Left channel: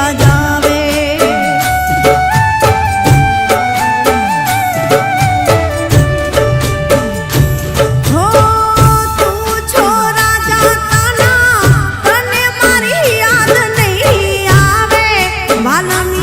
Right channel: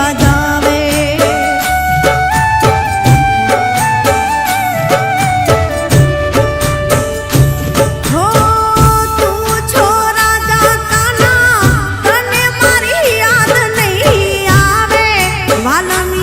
બજાવે હો તું છો રાજા કાના તને મારી યાદ નહીં આવે. વાલમી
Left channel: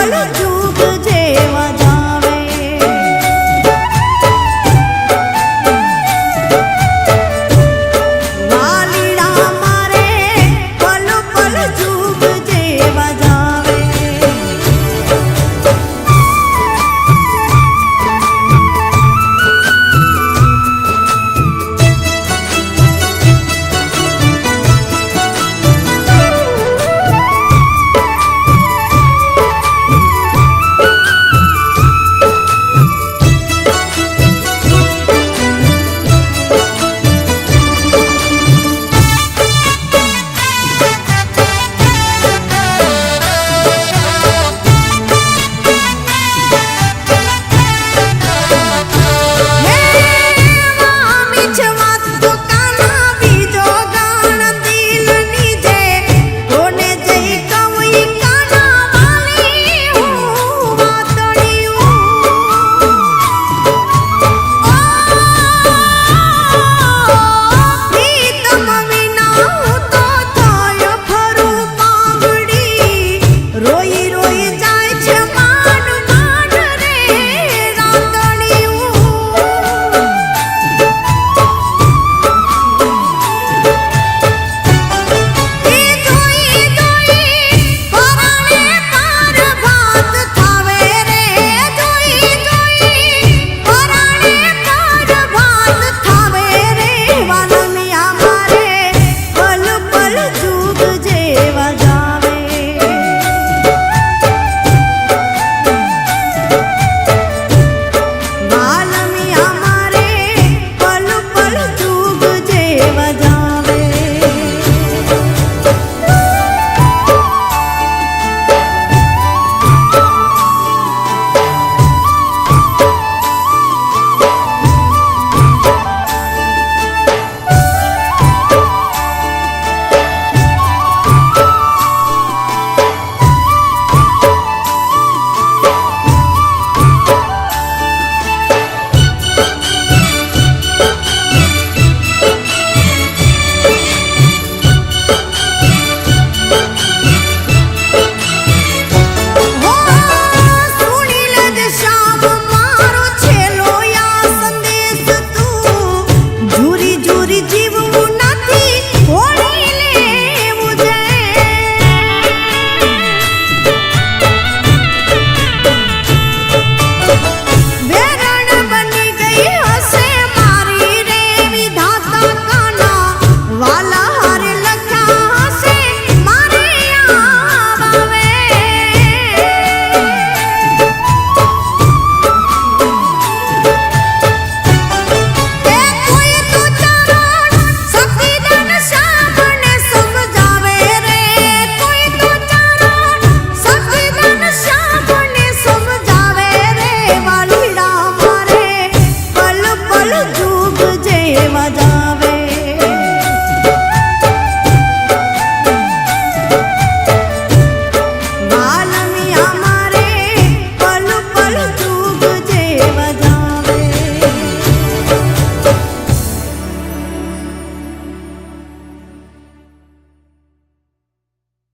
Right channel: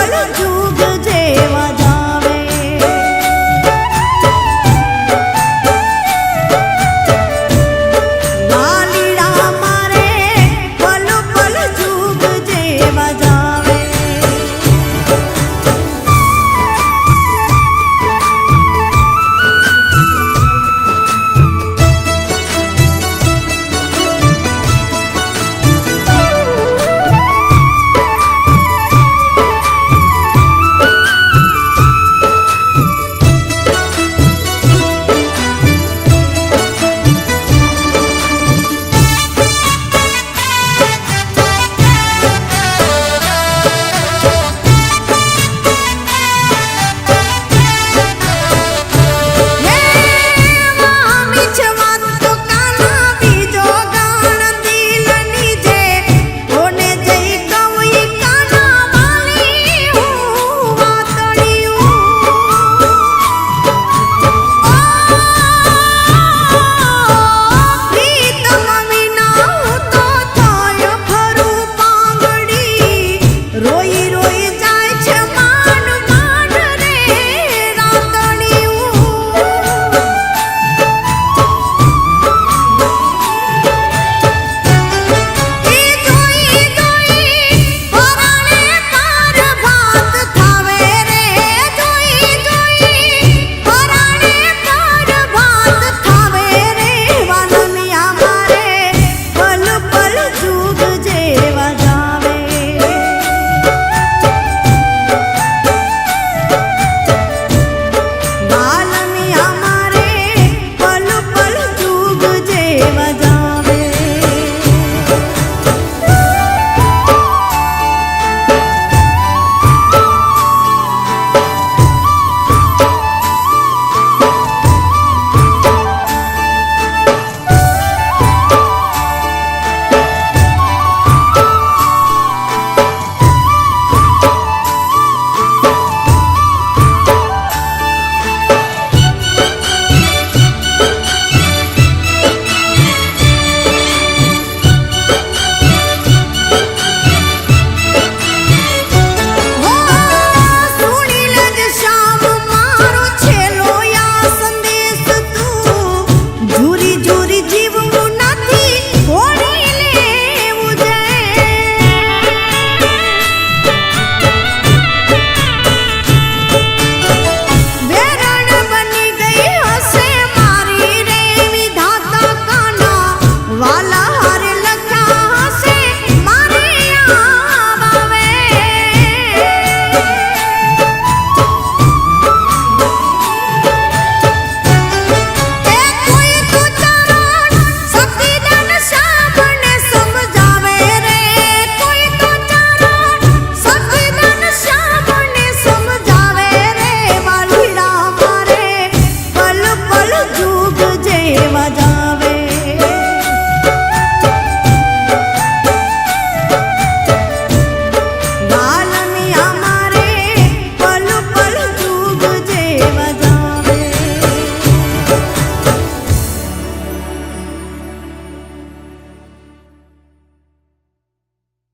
বলো জু